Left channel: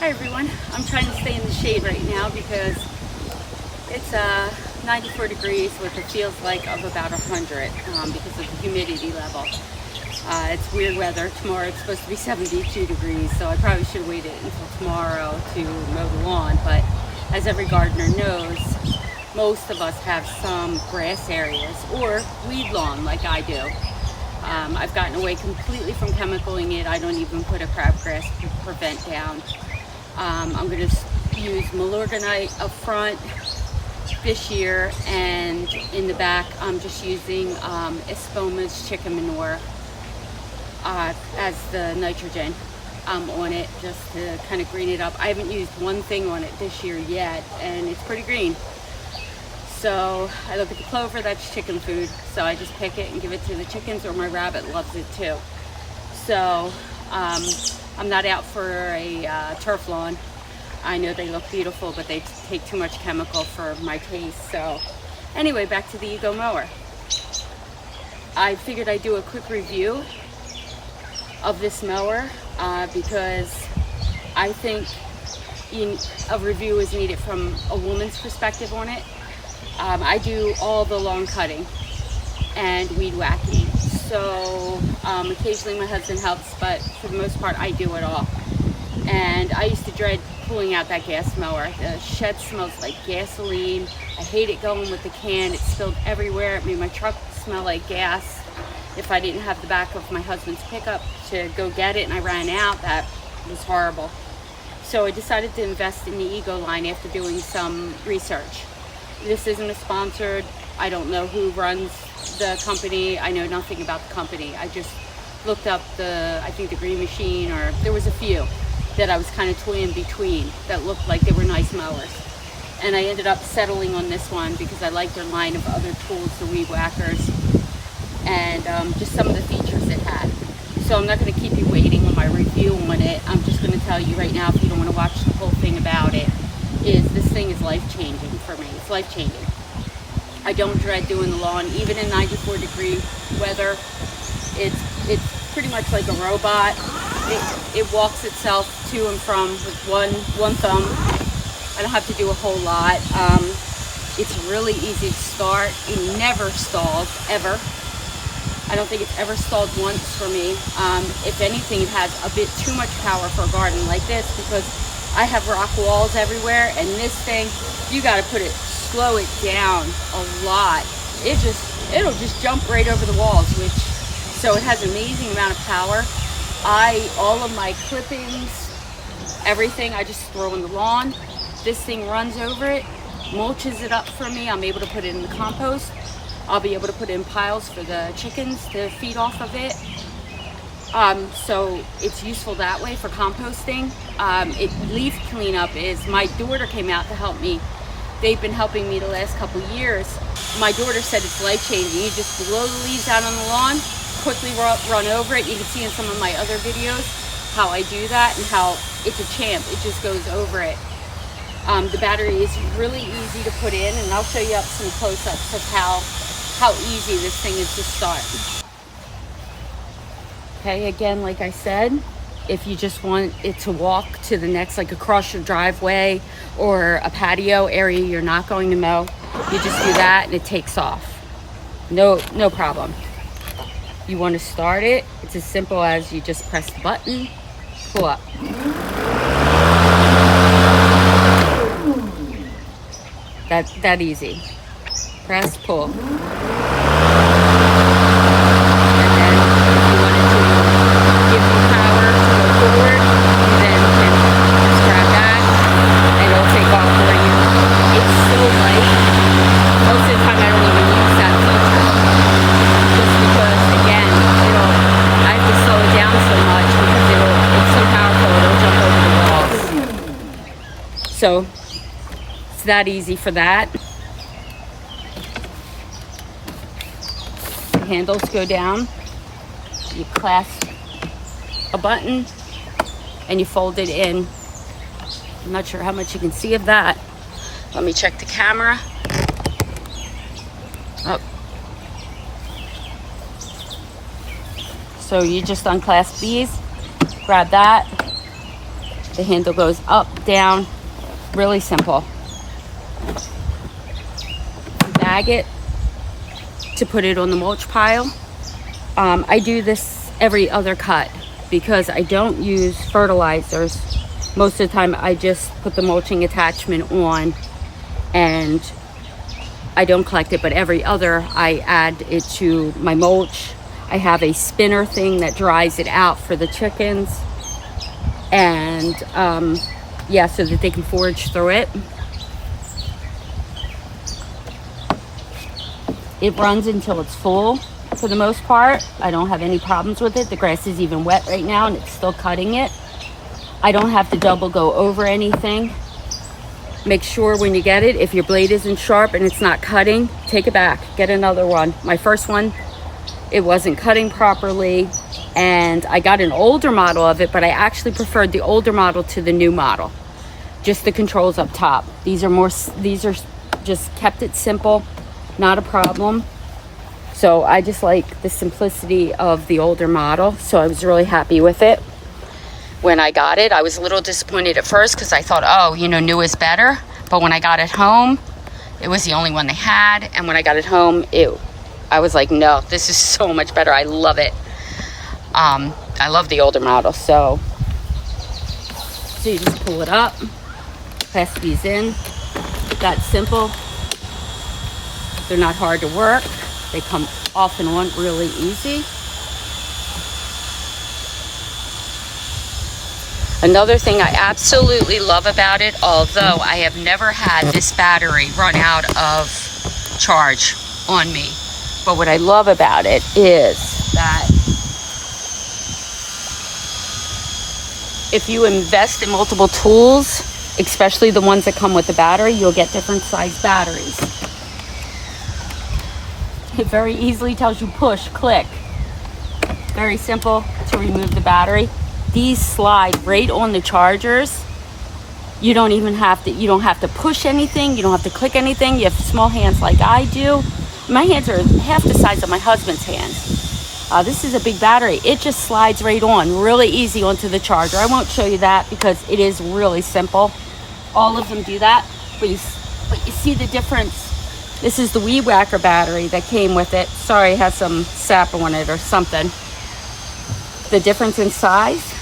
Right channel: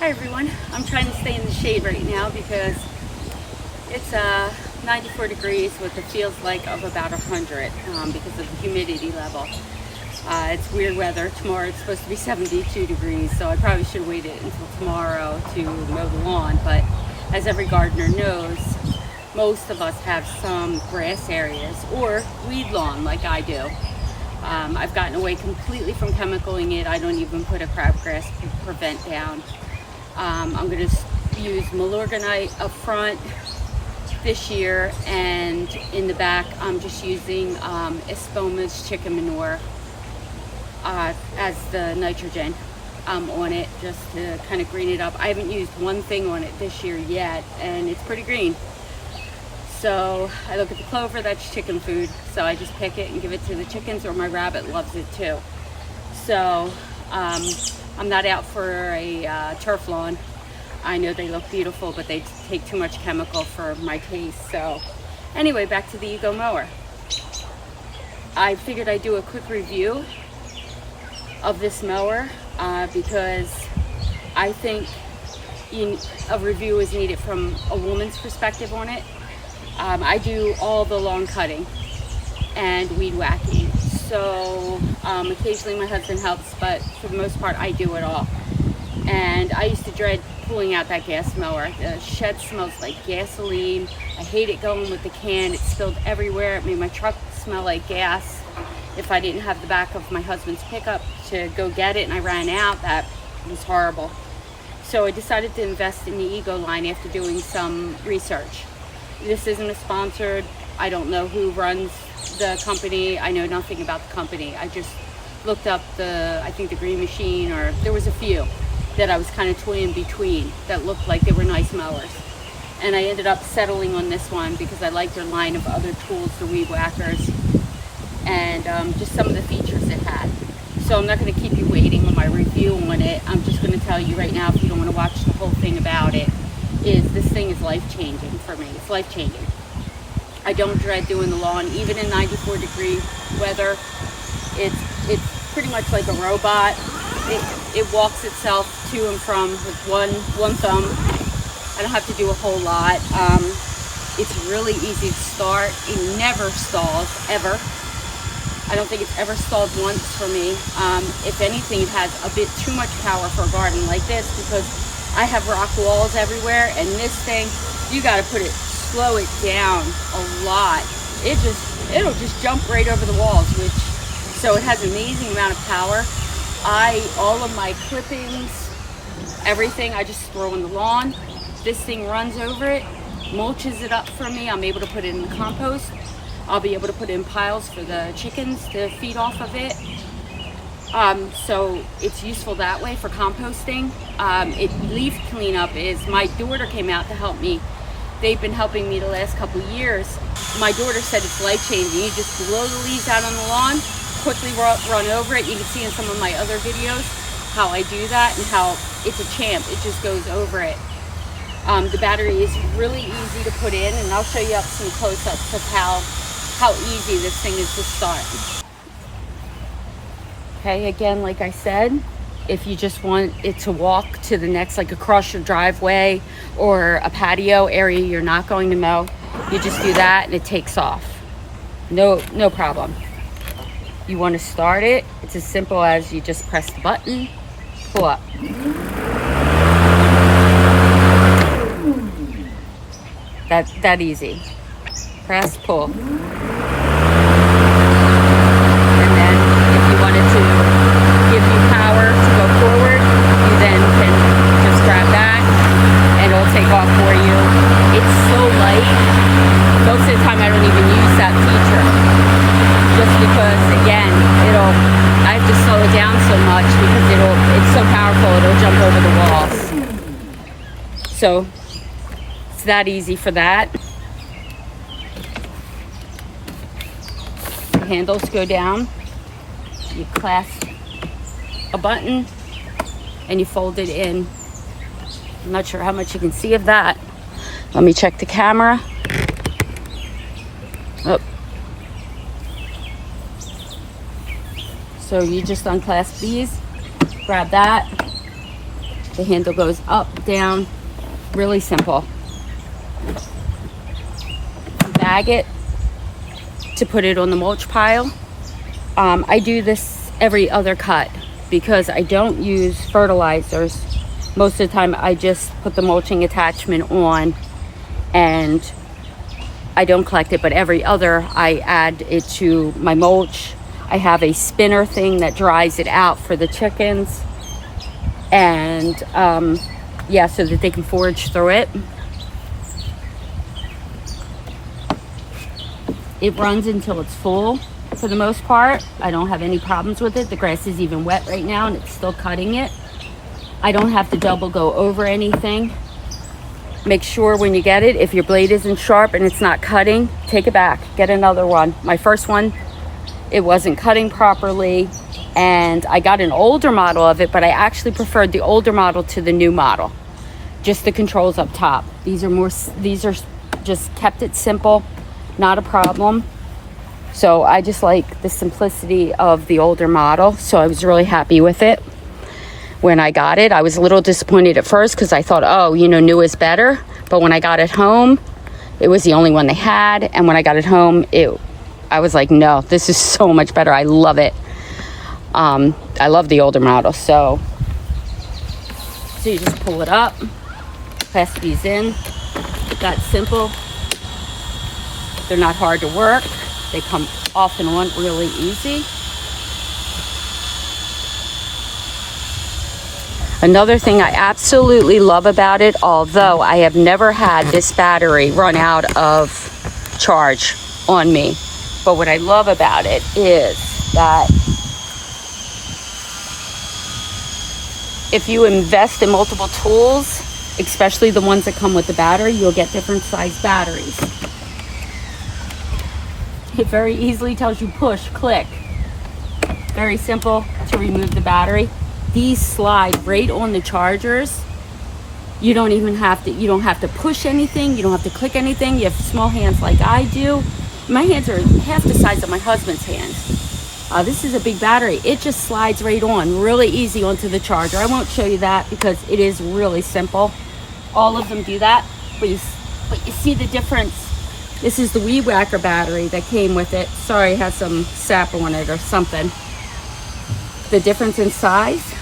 Hi everyone, I'm trying to stay in the shade right now because it's 94 degrees with a feels like of about 100 because of the humidity level. It's weird weather. Tomorrow it's supposed to be 72 degrees, so I probably should wait until tomorrow to mow the lawn, but as every gardener knows, most of us have some grass areas or weed lawn like I do. I've gotten away completely from chemicaling it. I don't even put a crabgrass prevent down. I'm going to use Milorganite up front this year, and in the back I'm just using Espoma's chicken manure as the nitrogen on it, just to kind of green it up. I haven't used one thing on it this year yet, and it's pretty green. So I look at the clover, that's chicken food, so I just pick it and give it to the chickens, or my rabbit loves it too. So I'm not out for a turf lawn. I know they look beautiful, but they take too much chemical for my taste. So anyway, back to the EgoMower. I figured I'd do a quick review of this mower because I think a review is needed from a woman's perspective on it. I do all the lawn cutting and weed whacking, so occasionally my husband helps, but for the most part I do it all. And I used to dread pulling out that gas mower. The shed smells like gasoline. I hate it going with the can. It spilled everywhere. It made my truck smell like gas. If I didn't have the back of my husband's pickup to go get it and I ran out, that was horrible. So I decided to invest in the Ego line after doing some research. This isn't a sponsored. I don't know who runs the company. I know nothing about the company. I just looked up I think the Green Machine, or there was a few that I was kind of toying between that looked like they were nice mowers. And I ended up settling on this one because I like their line of other tools, the weed whackers, and just some of the features it had. So I'm not going to keep you waiting on my review on it. I'm just going to tell you right now, if you don't want to watch the whole thing about it, is this thing is life-changing for me. It's life-changing. I don't dread doing the lawn, even in 94 degree weather. It's pretty much like a robot. It walks itself to and from with one thumb. I don't have to do a whole lot. It's really easy to start. It never stalls, ever. I don't think it's ever stalled once for me. If anything, it has a bit too much power for a garden like this, because I have rock walls everywhere, and this thing, you got to slow it down a lot. It'll just jump right over the walls, so it has an amazing amount of power. All of my clippings, everything, I just throw in the lawn. This thing runs over it, mulches it up for me. I'm able to put it in the compost. I'll be able to put it in piles for the chickens to feed off of it. So it's useful that way for composting. Leaf cleanup is, my daughter came out to help me. They've been helping me the last couple years. My daughter said it's life-changing. You just blow the leaves out on the lawn, quickly run over it. You can see in some of my other videos how I do that and how it's a champ. It just goes over it. The battery is really easy to put in, and I'll show you up some close-ups of how easy this thing is to start. Okay, again, like I said, if you just want it to walk to the next, like across your driveway or a patio area you're not going to mow, you just do that and it takes off. No problem. You want to start it, it's as simple as you just press the button, pull up. That easy. Press, pull. Give you power to go forward, you then can just grab that and it'll take off for you. It's so light, most of the time I don't even use that feature, just because, again, I have to slow it down so much because it's so powerful, it'll jump over the walls. So it's that easy for that. The handles go down, you clasp a button and you fold it in. I'm not sure how much you can see of that. Let me check the camera. Oh. So you just unclasp these, grab that, The handle goes up, down, really simple. Bag it to put it on the mulch pile. I do this every other cut because I don't use fertilizers. Most of the time I just put the mulching attachment on and I don't collect it, but every other I add it to my mulch. I have a spinner thing that dries it out for the chickens, and yeah, so that they can forage through it. It runs until it's full for the most part. I don't have any problems with it. The grass is even wet right now and it's still cutting it. I don't have to double go over anything. Make sure when you get it, if your blade isn't sharp and it's not cutting, take it back, get another one. My first one, it wasn't cutting properly, and I got an older model of it, but I actually preferred the older model to the new model. Just the controls up top. These are just kept it simple, not a problem. So I just like the simplicity of the older model, so I was really happy with it. When I got it, I was a little disappointed at first because I thought, oh, you know, new is better. But when I got it home, it was the only one they had. And when I got it home, I was like, no, this is so much better. I love it. I love the older model. So you just pull it up, press these in. That simple. They're not hard to work. They come off and on really easy. Another thing I absolutely love about it, although I have never had this battery run out of charge on me, but what I love about it is that if you invest in multiple tools, especially the ones that come with the battery, you'll get different size batteries. It very easily tells you push, click. Very simple to remove the battery. These slide right on the chargers. You don't have to push anything. You don't have to click anything. You have small hands like I do. My hands are half the size of my husband's hands. This is a big battery. It just slides right on, really easy onto the charger. I won't show you that because it is really simple. All of them do that, but you see the difference. This is the Weed Whacker battery that came with it. Sorry, it has some sap on it or something. The difference in size.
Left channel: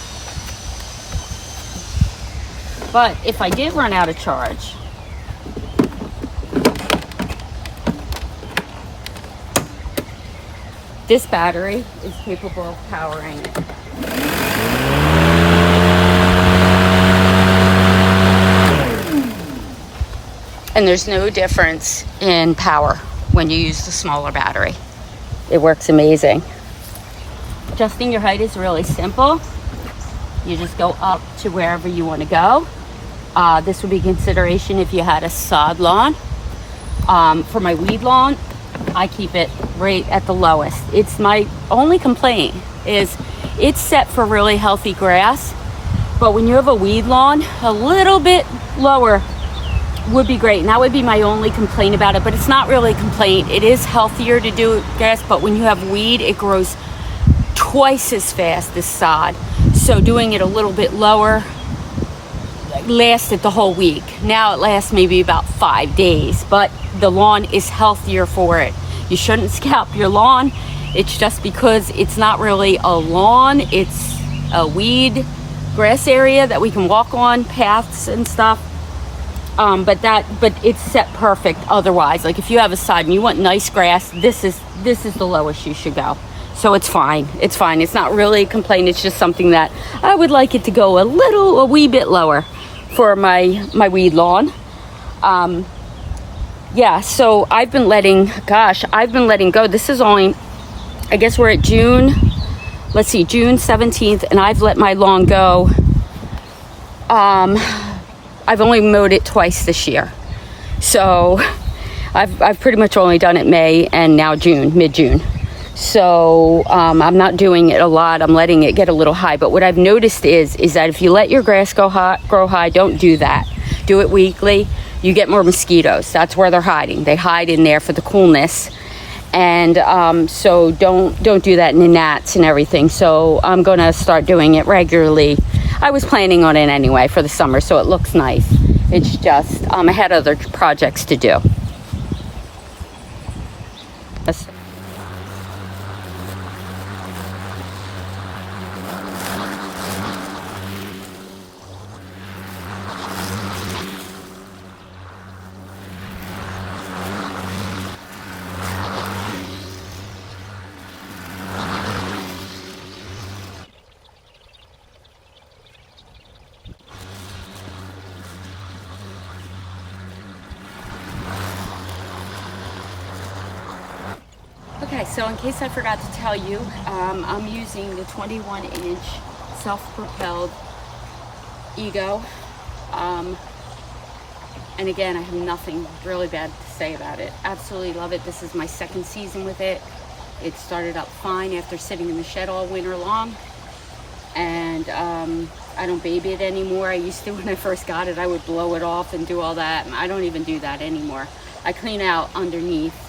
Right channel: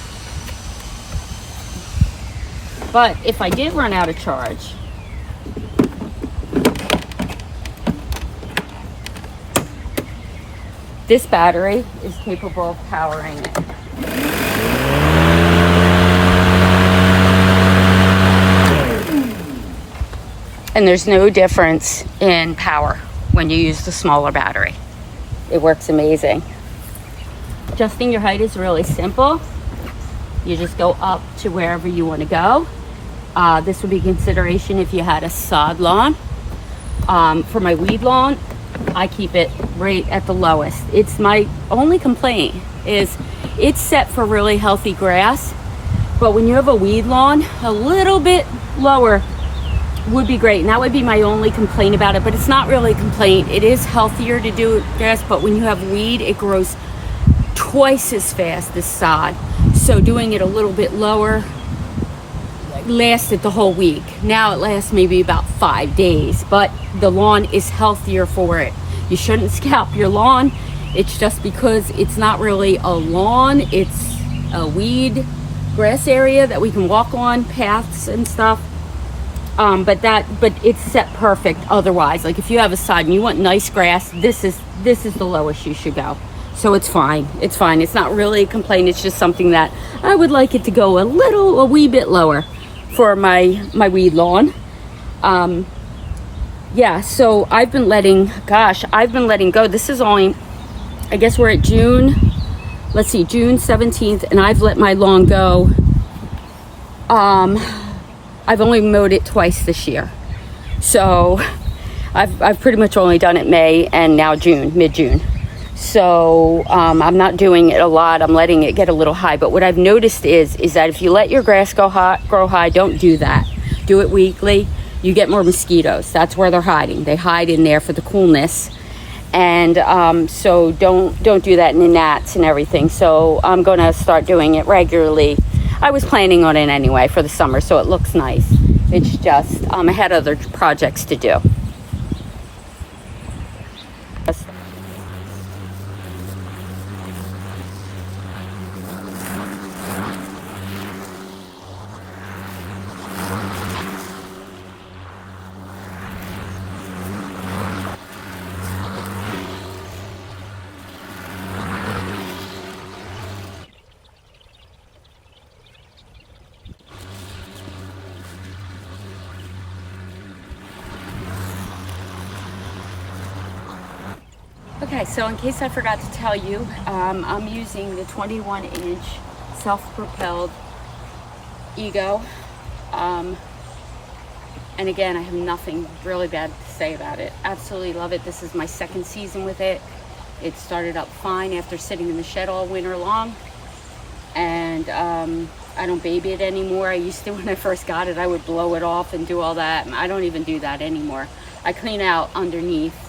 But if I did run out of charge, this battery is capable of powering it. And there's no difference in power when you use the smaller battery. It works amazing. Adjusting your height is really simple. You just go up to wherever you want to go. This would be consideration if you had a sod lawn. For my weed lawn, I keep it right at the lowest. It's my only complaint is it's set for really healthy grass, but when you have a weed lawn, a little bit lower would be great. And that would be my only complaint about it, but it's not really a complaint. It is healthier to do grass, but when you have weed, it grows twice as fast as sod. So doing it a little bit lower lasted the whole week. Now it lasts maybe about 5 days, but the lawn is healthier for it. You shouldn't scalp your lawn. It's just because it's not really a lawn, it's a weed grass area that we can walk on, paths and stuff. But it's set perfect otherwise. Like if you have a side and you want nice grass, this is the lowest you should go. So it's fine. It's fine. It's not really a complaint. It's just something that I would like it to go a wee bit lower for my weed lawn. Yeah, so I've been letting go. This is only, I guess we're at June. Let's see, June 17th, and I've let my lawn go. I've only mowed it twice this year. So I've pretty much only done it May and now June, mid-June. So I'm not doing it a lot. I'm letting it get a little high. But what I've noticed is that if you let your grass grow high, don't do that. Do it weekly. You get more mosquitoes. That's where they're hiding. They hide in there for the coolness. And so don't do that in the gnats and everything. So I'm going to start doing it regularly. I was planning on it anyway for the summer, so it looks nice. It's just, I had other projects to do. Okay, so in case I forgot to tell you, I'm using the 21-inch self-propelled Ego. And again, I have nothing really bad to say about it. Absolutely love it. This is my second season with it. It started up fine after sitting in the shed all winter long. And I don't baby it anymore. I used to when I first got it. I would blow it off and do all that. I don't even do that anymore. I clean out underneath.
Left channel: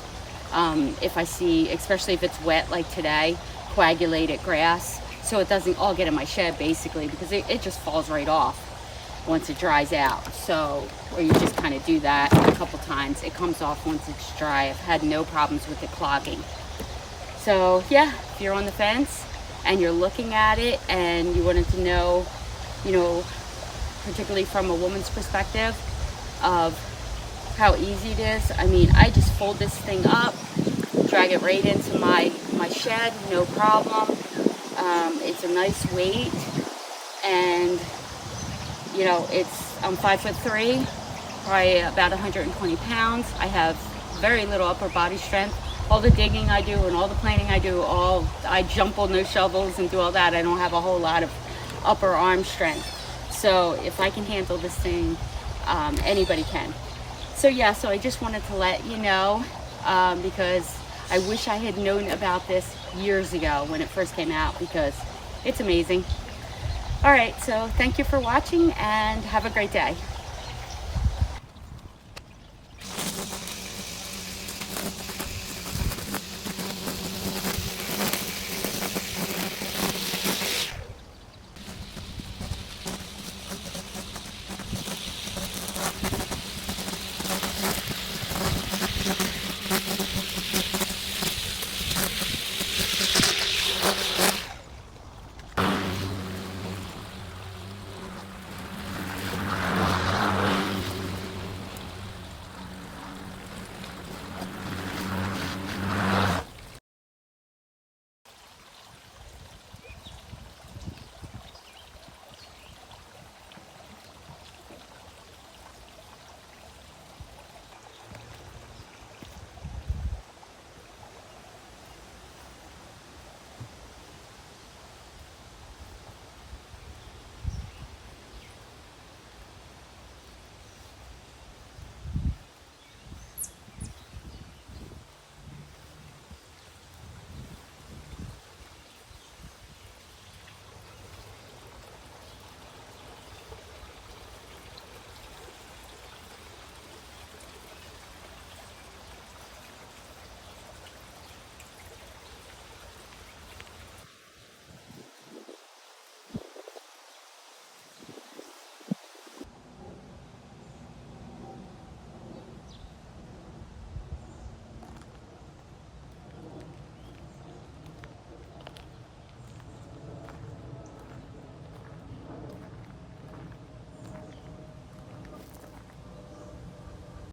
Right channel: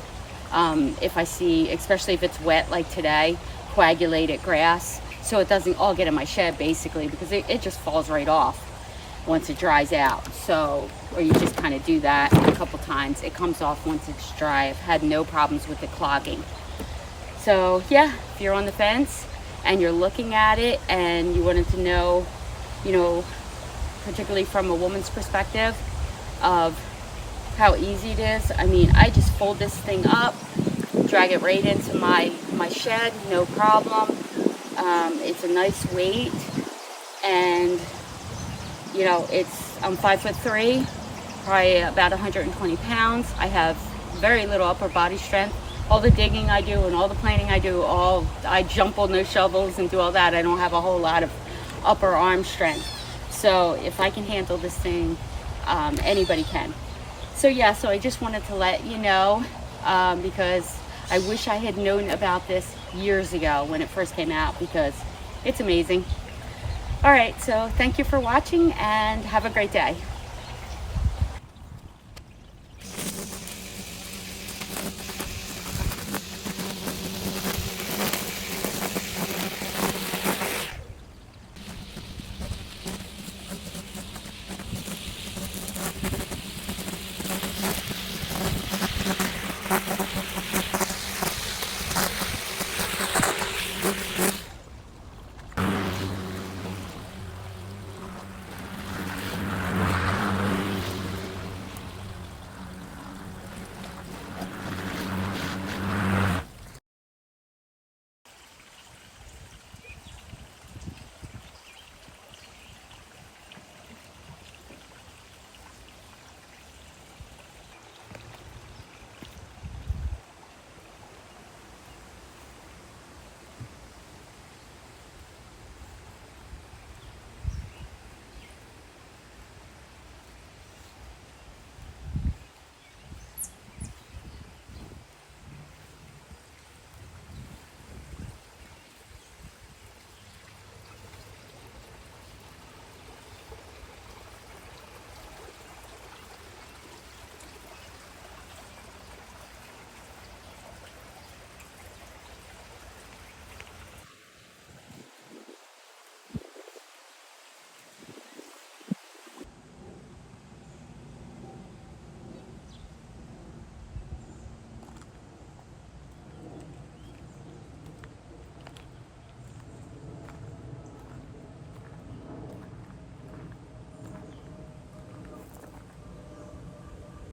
If I see, especially if it's wet like today, coagulated grass, so it doesn't all get in my shed basically, because it just falls right off once it dries out. So, or you just kind of do that a couple times. It comes off once it's dry. I've had no problems with it clogging. So yeah, if you're on the fence and you're looking at it and you wanted to know, you know, particularly from a woman's perspective of how easy it is. I mean, I just fold this thing up, drag it right into my shed, no problem. It's a nice weight, and you know, I'm 5'3", probably about 120 pounds. I have very little upper body strength. All the digging I do and all the planting I do, I jump on those shovels and do all that. I don't have a whole lot of upper arm strength. So if I can handle this thing, anybody can. So yeah, so I just wanted to let you know, because I wish I had known about this years ago when it first came out, because it's amazing. All right, so thank you for watching and have a great day.